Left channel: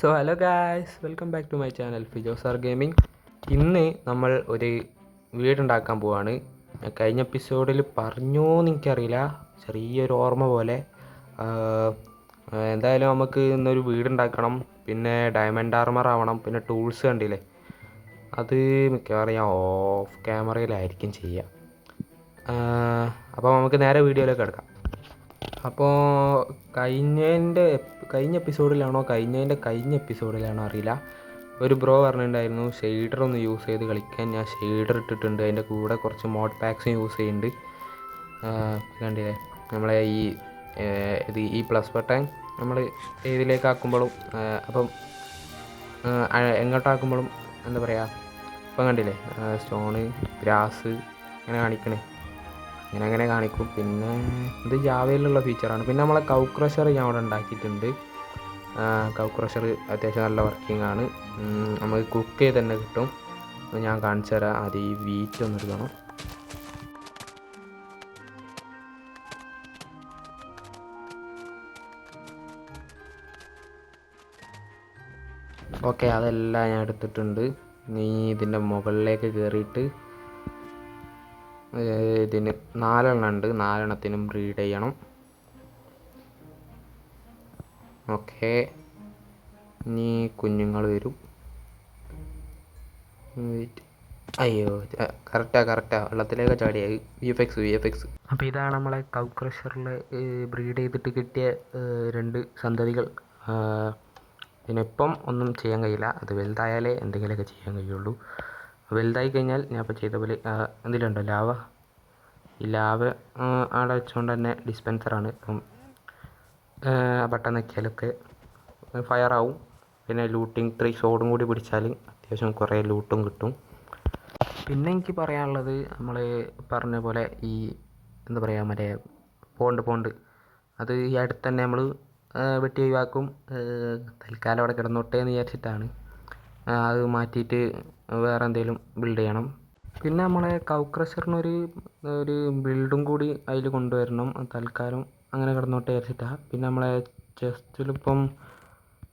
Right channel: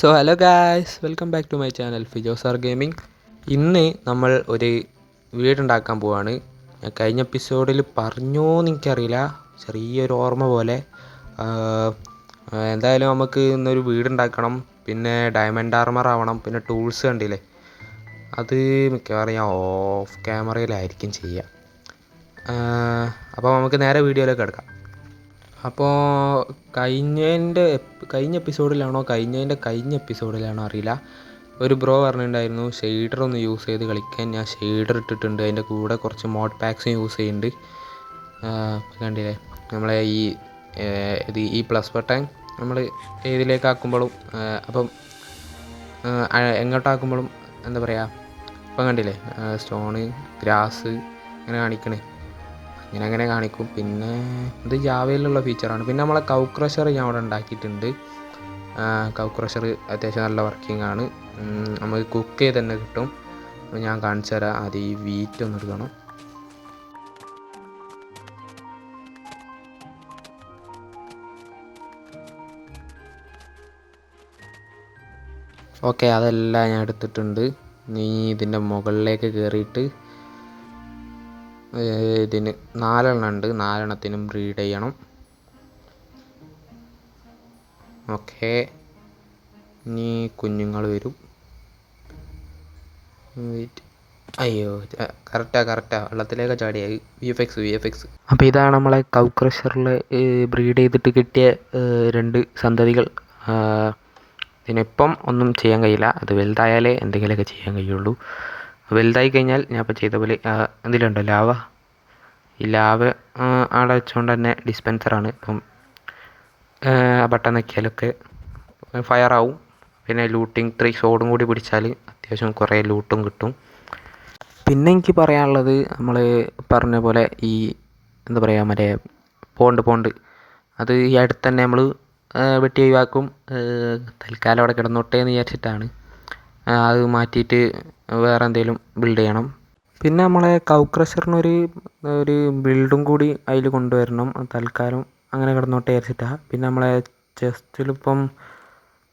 So hello guys, welcome back to my channel ഫിജോസാർ gaming. ഇന്ന് നമ്മൾ ഒരു വീടുണ്ടാക്കാൻ പോവാണ്. കഴിഞ്ഞ എപ്പിസോഡിൽ പറഞ്ഞോന്ന് എനിക്കറിയില്ല, ചെറിയൊരു ഓർമ്മ പോലെ. എന്തായാലും നമുക്ക് ഇന്നൊരു വീടുണ്ടാക്കണം. പിന്നെ ഡയമണ്ട് ആർമർ ആവണം. പിന്നെ ടൂൾസ് കണ്ടില്ലേ, അത് മിക്കവാറും ഞാൻ ഓഫ് ക്യാമറയിലായിരിക്കും ചെയ്യുക. അപ്പോൾ നമുക്ക് നേരെ വീഡിയോയിലേക്ക് കിടക്കാം. അപ്പോൾ കഴിഞ്ഞ എപ്പിസോഡിലാണോ കഴിഞ്ഞ എപ്പിസോഡിലാണോ അറിയില്ല, ഒരു ബ്രോ പറഞ്ഞിട്ടുണ്ടായിരുന്നു ഷെയ്ഡർ ഒന്ന് യൂസ് ചെയ്ത് കളിക്കാൻ. ഞാൻ ഷെയ്ഡർ ഇട്ടിട്ടുണ്ട്, അതിൻ്റെ കൂടെ കുറച്ച് മോഡ് പാക്സും യൂസ് ചെയ്യുന്നുണ്ട്. കണ്ടില്ലേ, നമ്മളെ ഈ പ്ലസ് ബട്ടൺ നമ്മൾ ഏതിലേക്കാക്കുമ്പോഴും അപ്പം എങ്ങോട്ടാക്കുമ്പോഴും എന്താ പറയുക, ഇപ്പം കണ്ടില്ലേ സ്റ്റോണ്, ഗ്രാസ് അങ്ങനെ കാണിക്കണേ, അങ്ങനെ കാണിക്കും. പിന്നെ ഇത് ജാവയിലുള്ള ഫീച്ചറാണ്. പിന്നെ നമ്മളെ കൗ ക്രഷർ ഞാൻ അവിടെ ഉണ്ടാക്കിയിട്ടുണ്ട്. കൗ ക്രഷർ അത്യാവശ്യം നല്ല വർക്കിംഗ് ആണ്. നമുക്ക് കുക്ക് ചെയ്ത് തന്നെ കിട്ടും. ഞാൻ കാണിച്ചു തരാം. അത് ഈ വീറ്റ് ഒന്ന് എടുക്കണം. ഓക്കെ, അതെല്ലാം ഞാൻ എടുത്തിട്ടുണ്ട്. നീ ഇതിൻ്റെ മുകളിലേക്ക് കയറിയിട്ട് ഇതിന് 4 എണ്ണം ഉണ്ട്, 4 എണ്ണത്തിനും ബ്രീഡ് ചെയ്യണം. ഓക്കെ, ഇനി കുഞ്ഞുങ്ങൾ വരും. അയ്യോ, കറക്റ്റാ വെള്ളത്തിലേക്ക് ചാടിയായി. V F X. അപ്പോൾ ഇതാണ് നമ്മളെ കൗ ക്രഷറിൽ ബ്രീഡ് ചെയ്തിട്ട് കിട്ടിയ 2 സന്തതികൾ. ഇതിനിപ്പം ഒന്നും ചെയ്യാൻ കഴിയില്ല, അത് വലുതായാലേ എന്തെങ്കിലുമൊക്കെ ചെയ്യാൻ കഴിയുള്ളൂ. വലുതായി കഴിഞ്ഞാൽ ഞാൻ ഇപ്പോൾ ചെയ്ത പോലെ എന്തെങ്കിലുമുണ്ടോ ലാവ, ഈ ലാവ അവിടെ വെച്ചുകൊണ്ട് തന്നെ ഡിസ്പെൻസറാണ്. ഇപ്പം ബട്ടൺ നോക്കിയാലൊക്കെ ഫയറാവും. പിന്നെ ലൂട്ടിങ് 3 സോഡും കൂടി പിടിച്ചാൽ അത്യാവശ്യം കുറേ ലൂട്ടും കിട്ടും. പിന്നെ എനിക്ക് പറയാനുള്ളത്, നമ്മൾ പറഞ്ഞ പോലെ ഈ എന്താ പറയുക, മറ്റേ പോണ്ട് അത് ഈ അടുത്ത് തന്നെ നമ്മൾ വെട്ടി ഒഴിവാക്കും. തൽക്കാലം അവിടെ കിടന്നോട്ടെ എന്ന് വിചാരിച്ചിട്ടാണ്. അത് മാറ്റിയിട്ട് വേറെ എന്തെങ്കിലും ബിൽഡ് ചെയ്യണം. പിന്നെ നമ്മളെ കൗ ക്രഷറിനൊരു ബിൽഡും കൂടി അതിൽ കൊണ്ടുവരണം. തൽക്കാലം അങ്ങനെ കിടന്നോട്ടെ വിചാരിച്ചിട്ടാണ്. പിന്നെ നമ്മളെ ചെസ്റ്റിലിപ്പം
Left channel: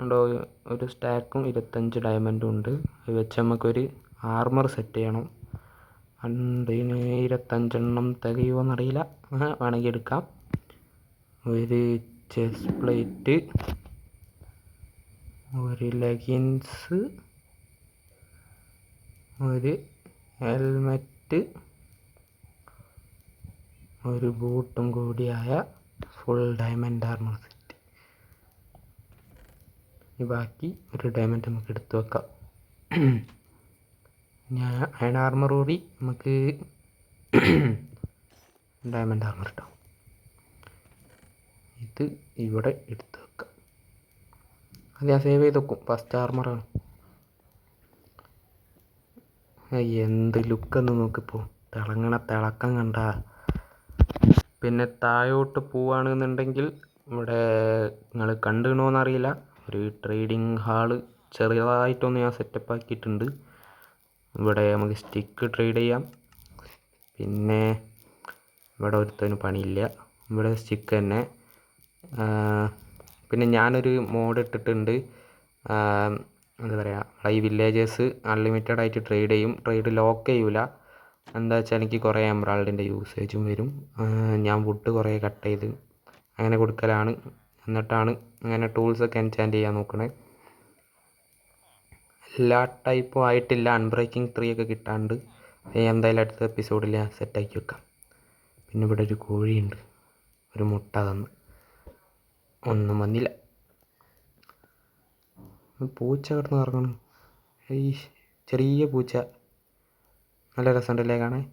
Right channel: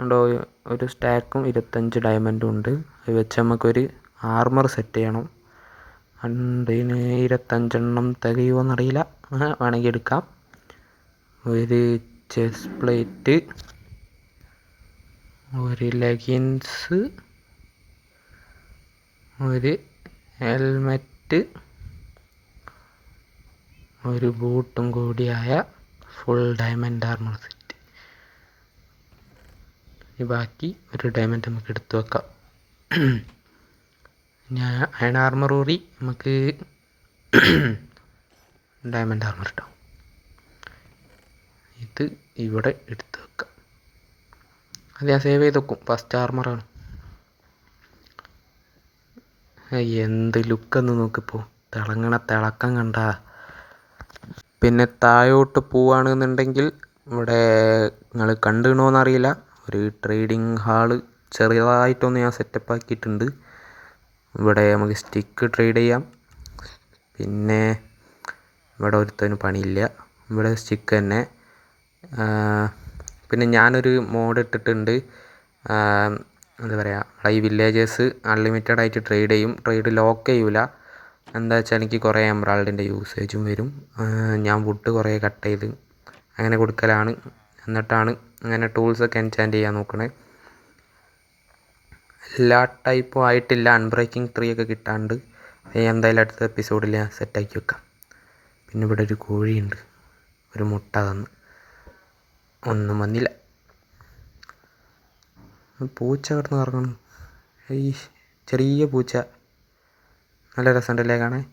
ഉണ്ടോ ഒരു സ്റ്റാക്കും 25 ഡയമണ്ടും ഉണ്ട്. അത് വെച്ച് നമുക്കൊരു ആർമർ സെറ്റ് ചെയ്യണം. ഇതിന് 25 എണ്ണം തികയുമോയെന്നറിയില്ല, വേണമെങ്കിൽ എടുക്കാം. ഒരു ചെസ്റ്റ് പ്ലേറ്റ്, ഒരു ലെഗിൻസ്, ഒരു ഹെൽമെറ്റ്, ഒരു ബൂട്ടും കൂടിയായ ഫുൾ ഡയമണ്ട് ആർമർ സെറ്റ്. ബാക്കി ഒരു ഡയമണ്ട് നമുക്ക് എടുത്തു വെക്കാം. ഞാൻ അയൺ ആർമർ ഊറി നമുക്ക് ഡയമണ്ട് ആർമർ ഇട്ടാം. ഇത് ഇവിടെ എടുത്ത് വെക്കാം. അത് ഞാൻ സേവ് ചെയ്ത് വെക്കും. ഫസ്റ്റ് ആർമറാണ്. എന്ത് ലുക്കെന്ന് നോക്കിപ്പോൾ, തിളക്കം കണ്ട. പിന്നെ താഴോട്ട് പോവുകയാണെന്നുണ്ടെങ്കിൽ ഇവിടെ നിങ്ങൾ കണ്ടുകണമെന്നറിയില്ല, ഒരു ട്രേഡിങ് ഹാള് ചെറിയതായിട്ടൊന്ന് ഞാൻ സെറ്റപ്പ് ആക്കിയിട്ടുണ്ട്. ഇവിടെ നമുക്ക് സ്റ്റിക്ക് ട്രേഡ് ചെയ്യാം. പിന്നെ ഇവിടെ ഒരുത്തനും പണിയില്ല, ഇവിടെ സ്റ്റിക്ക് തന്നെ. പിന്നെ ഞാനൊരു മോഡ് ഇട്ടിട്ടുണ്ട്, എന്താ പറയുക, ഈ വില്ലേജേഴ്സ് അൺലിമിറ്റഡ് ആയിട്ട് ട്രേഡ് ചെയ്യും. ട്രേഡ് ലോക്ക് ചെയ്യൂല. എന്താ വെച്ചാൽ എനിക്ക് കുറേ എമറാൾഡിൻ്റെ യൂസേജും വരും. ഞാൻ വുഡ് കുറേ കട്ട് ചെയ്ത് അങ്ങനെ കൊടുക്കലാണ്. എന്നിട്ടാണ് അങ്ങനെ ടൂൾസൊക്കെ എൻചാൻറ്റ് ചെയ്യാൻ നോക്കണേ. എല്ലാ ടൈപ്പും ആയിട്ടില്ല, അൺബ്രേക്കിംഗ് 3 ഒക്കെ കിട്ടാണ്ട്. എന്തായാലും അടുത്ത എപ്പിസോഡിൽ ഞാൻ സെറ്റാക്കി വെക്കാം. പിന്നെ ഇവിടെ ഒരു കോഴിയുണ്ട്, ഒരു മുട്ട തന്ന്, ഒന്നും വന്നില്ല. പൂച്ച കിടന്ന് ഇറങ്ങണം. ഈ ചെറിയ പൂച്ച നല്ല രസമുണ്ടല്ലേ കാണാൻ.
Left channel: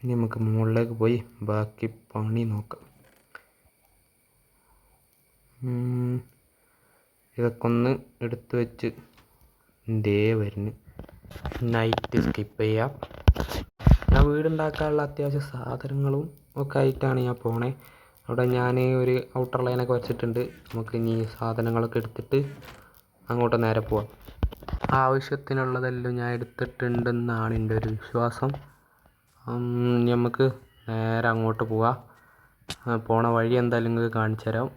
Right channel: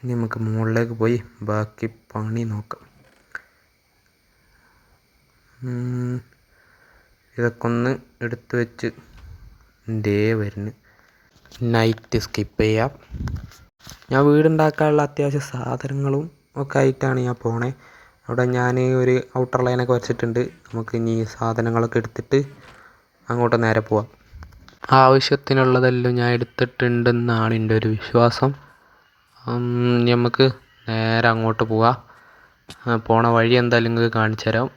ഇനി നമുക്ക് മുകളിലേക്ക് പോയി ബാക്കി പണി നോക്കാം. ഇതൊക്കെ ഒന്ന് എടുത്ത് വെച്ച് വരുന്നു. നൈറ്റ് സ്കിപ്പ് ചെയ്യാം. ഞാൻ വീടുണ്ടാക്കാനുള്ള അത്യാവശ്യ സാധനങ്ങളും ഒക്കെ ആയിട്ടാണ് ഞാൻ പോണേ. അവിടെ ഞാൻ ഒരു ഔട്ടർ ലൈനൊക്കെ വരച്ചിട്ടുണ്ട്. നമുക്ക് ഇനി സാധനങ്ങളൊക്കെ എടുത്തിട്ട് അങ്ങോട്ട് നേരെ പോവാം. ആവശ്യത്തിനുള്ളതെല്ലാം ഞാൻ എടുത്തിട്ടുണ്ടെന്നാണ് എൻ്റെ ഒരു വിശ്വാസം. നമുക്ക് നേരെ അങ്ങോട്ട് പോവാം. പോണ വഴി എന്തായാലും നിങ്ങൾക്ക് കാണിച്ചു തരാം.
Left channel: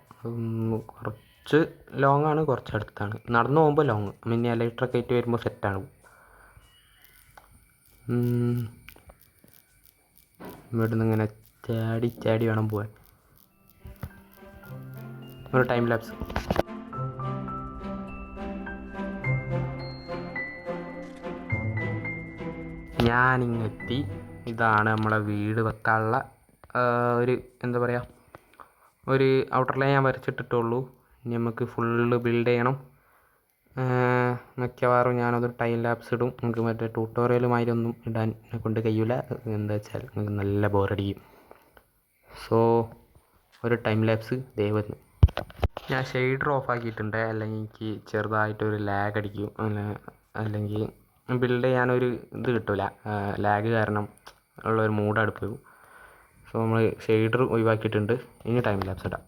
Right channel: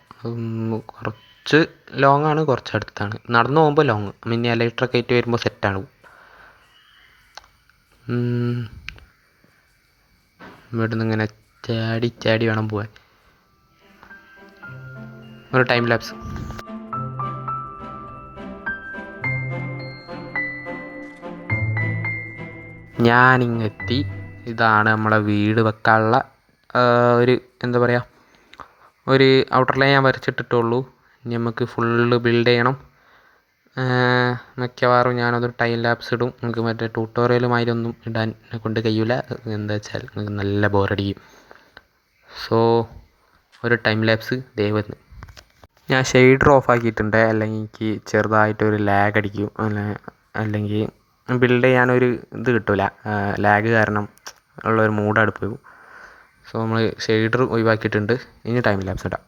കുറച്ച് ലോങ് ആണ്, കുറച്ച് അടുത്താണ്. നടന്നു പോകുമ്പോൾ ലോങ്, മിനി എലക്ട്രിക് ആയിട്ട് വരുമ്പോൾ സെറ്റാണ്. ഇവിടുന്ന് ഇങ്ങനെ ചാടി ചാടി വേണം പോവാൻ. ഒരു ടൈം ലാപ്സ്. ഞാനിങ്ങെത്തി. ഇതാണ് നമ്മളെ വീട് വെക്കാനുള്ള ഒരു എന്താ പറയുക, ഒരു ഔട്ടർ ലൈൻ ഞാൻ വരച്ചിട്ടിട്ടുള്ളൂ. ഇനി നമുക്ക് ഫുള്ള് ബിൽഡ് ചെയ്യണം. മിക്കവാറും ഞാനതൊരു ടൈം ലാപ്സ് ഇടും. നമുക്ക് മറ്റേ ട്യൂട്ടോറിയലുമായി ഒന്നും ഇടാൻ കൊണ്ട് കഴിയില്ല. എന്താ വെച്ചാൽ നമുക്ക് നല്ല ബോറടിക്കും. സോ ഒരു ടൈം ലാപ്സ് ദയവന്ന്. ഞാൻ ഷെയ്ഡർ ഓഫ് ആക്കിയിട്ടുണ്ട്, അല്ലെങ്കിൽ എനിക്ക് ചെറുതായിട്ടൊരു ലാഗ് അടിക്കും. അല്ലെങ്കിൽ ബിൽഡ് ചെയ്യാനൊരു ഇത് കിട്ടില്ല, ലാഗ് കാരണം ഉള്ളൊരു മൂഡ് അടുപ്പ് പോകും. സോ നമ്മൾ ഷെയ്ഡർ ഒഴിവാക്കിയിട്ടുണ്ട്. ഇനി ടൈം ലാപ്സ് ഇടാം.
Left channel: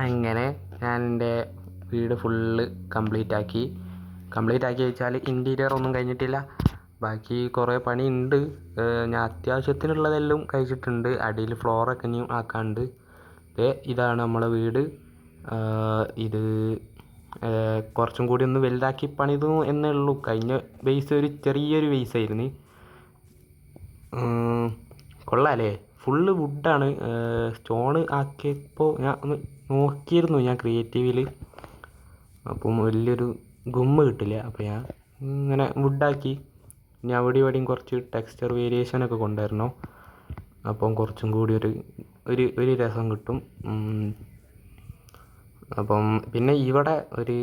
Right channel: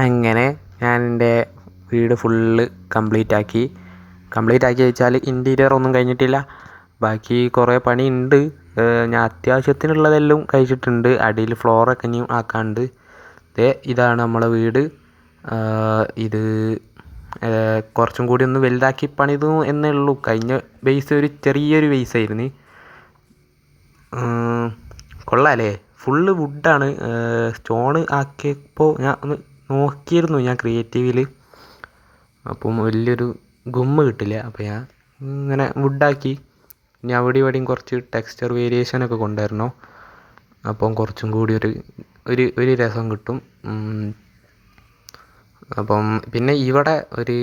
അങ്ങനെ ഞാൻ എൻ്റെ വീട് ഫുള്ള് കംപ്ലീറ്റ് ആക്കി വെച്ചാൽ ഇൻറ്റീരിയർ ഒന്നും കഴിഞ്ഞിട്ടില്ല, ബാക്കി കുറേ പണിയുണ്ട്. ഞാൻ അത്യാവശ്യത്തിനുള്ളതെല്ലാം കഴിച്ചിട്ടുണ്ട്. അടിയിൽ ഫ്ലോറൊക്കെ ഇനിയും ആക്കാനുണ്ട്. ഇതാണ് നമ്മളെ വീട്. ഇത് കുറച്ചും കൂടി ഒന്ന് വലുതാക്കി പണിതു എന്നേ ഉള്ളൂ. കഴിഞ്ഞ ബേസ് ഒരു ചെറിയൊരു ബേസായിരുന്നു. കൊള്ളാമല്ലേ? ഫുള്ള് വുഡാണ്. സ്റ്റോൺ ആക്കിയപ്പോൾ ഞാൻ ഒന്ന് നോക്കിയിരുന്നു ഞാൻ ക്രിയേറ്റീവിൽ. അപ്പം വലിയൊരു ഗുമ്മ് കിട്ടില്ല. അപ്പോൾ ഞാൻ ഇങ്ങനെ വുഡാക്കി. ഇനി അവിടെ ഇവിടെയും കുറച്ച് ടെക്സ്ചർ വേരിയേഷനൊക്കെ കൊണ്ടുവരണം. അപ്പം കുറച്ചും കൂടി ഒരു രസം കിട്ടും. അപ്പം പിന്നെ ഇവിടെ ഒരു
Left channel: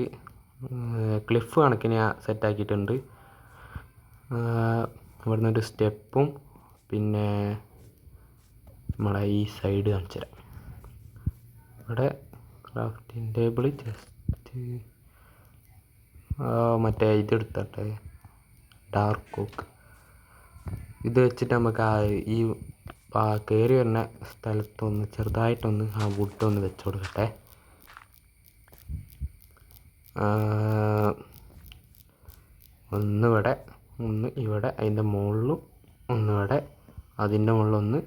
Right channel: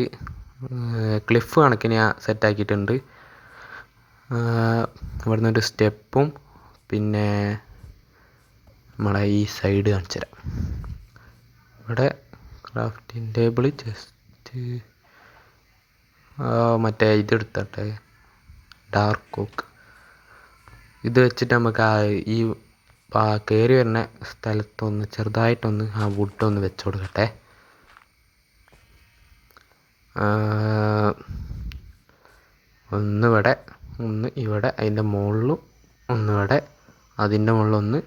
ക്ലിഫ് കണക്കിന് ഞാൻ സെറ്റാക്കിയിട്ടുണ്ട്. ഇവിടെ നിന്നൊരു സ്റ്റെപ്പും പിന്നെ നമ്മളെ ഈ സൈഡ് കാണിച്ചു തരാം. ഇവിടെ ക്രാഫ്റ്റിംഗ് ടേബിൾ ജസ്റ്റ് മറ്റേ ഇതെടുത്തട്ടെ, ഡാർക്ക് ഓക്ക്. ഇത് വെച്ചിട്ട് നമുക്ക് ഈ കയറി വരുന്ന സ്ഥലത്തൊന്ന് ചെറുതായിട്ടൊന്ന് ആ വുഡൊന്ന് വെച്ച് കൊടുക്കട്ടെ. ഒന്നിവിടെ, ഒന്ന് ഇവിടെ, അതിൻ്റെ മുകളിലും ഒന്നിവിടെ, അതിൻ്റെ മുകളിലൊന്ന്,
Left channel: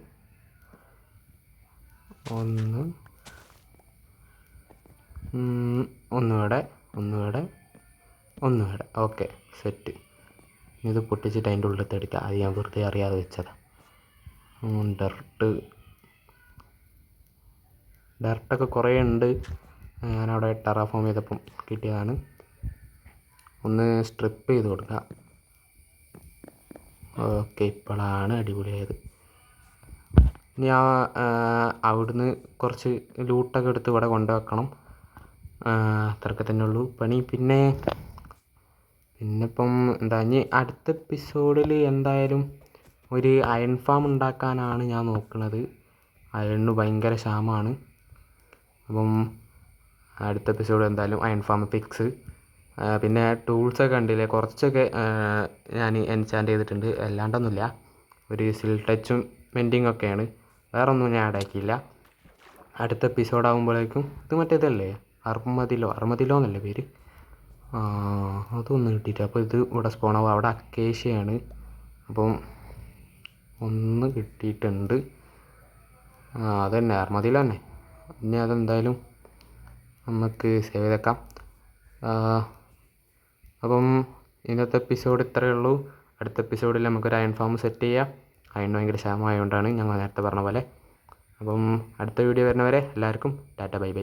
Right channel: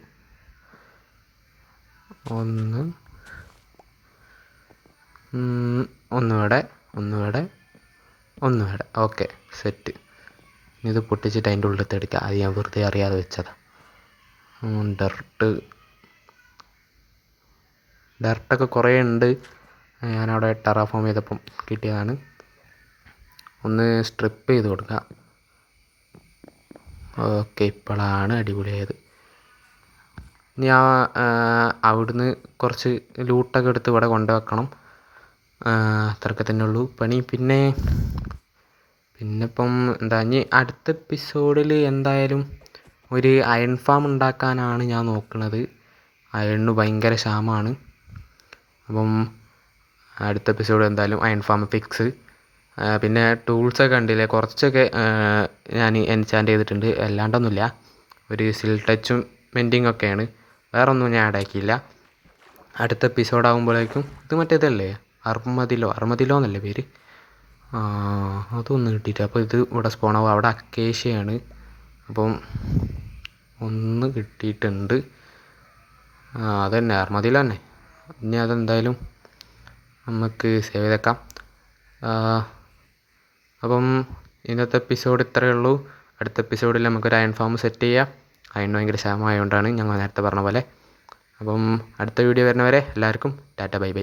ഒന്നിവിടെ, ഒന്നിവിടെ. Okay, set. ഇത് പൊട്ടിച്ചിട്ട് അതിൻ്റെ ഉള്ളിലത്തെ എടുക്കുക. അത് ഞാൻ വെറുതെ അറിയാതെ വെച്ചതാണ്. ഡർട്ടൊക്കെ കുറേ ഉണ്ട്. ഞാനവിടെ ടെറാഫോം ചെയ്തപ്പം കിട്ടിയതാണ്. ഒന്ന് സ്ട്രിപ്പ് ചെയ്ത് കൊടുക്കുക. ഓക്കെ, ഇപ്പോഴാണ് അടിപൊളിയായത്. ഞാൻ അവിടുന്ന് കുറച്ച് ലൂട്ടൊക്കെ എടുത്ത് ഇവിടെ കൊണ്ടുവെക്കണം. അത്രയൊക്കെ തന്നെ ഉള്ളൂ പണി. പിന്നെ ഇപ്പം എന്താ, ഇനി അടുത്ത എപ്പിസോഡിൽ എന്തായാലും ഒരു അയൺ ഫാം ഉണ്ടാക്കാനാണ് ഞാൻ നോക്കുന്നത്. അയണിന് ഭയങ്കര ക്ഷാമമാണ്. അപ്പം അടുത്ത എപ്പിസോഡ് എന്തായാലും അയൺ ഫാം ഫിക്സ്. പിന്നെ ടൂൾസൊക്കെ കണ്ടില്ലേ, കുറച്ചൊക്കെ ഞാൻ എൻചാൻറ്റ് ചെയ്തിട്ടുണ്ട്. അല്ലാണ്ടൊന്നുമില്ല. ഒരു സിൽ ടച്ചും മെൻറ്റിങ് ഒക്കെയാണ്. വേറൊന്നും ഞാൻ ആഡ് ആക്കിയില്ല. അടുത്ത എപ്പിസോഡ് ആകുമ്പോഴേക്കും ഇത് മറ്റേതല്ലേ, അർമദിലോ എന്നല്ലേ പേര്, അതൊന്നും കിട്ടിയിട്ട്. അപ്പോൾ ഇത് ഇവിടെ സ്പോണാവും. അവിടെ അക്കേഷ്യയാണ്. അപ്പം ഒന്ന് കിട്ടിയിട്ടുണ്ട്. അതന്നെ അർമദില തന്നെ. ഇനി അതെന്തായാലും നമുക്ക് സേവ് ചെയ്തേക്കാം. അപ്പം ഇന്നത്തെ എപ്പിസോഡ് ഇത്രയേ ഉള്ളൂ. അടുത്ത എപ്പിസോഡിൽ നമുക്കൊരു അയൺ ഫാം സെറ്റ് ചെയ്യാം. അയൺ ഭയങ്കര ക്ഷാമമായതുകൊണ്ടാണ് ഞങ്ങൾ നേരത്തെ പറഞ്ഞ പോലെ. അപ്പം അടുത്ത വീഡിയോ വരുന്നവരെ എല്ലാവർക്കും ടാറ്റ ബൈ ബൈ.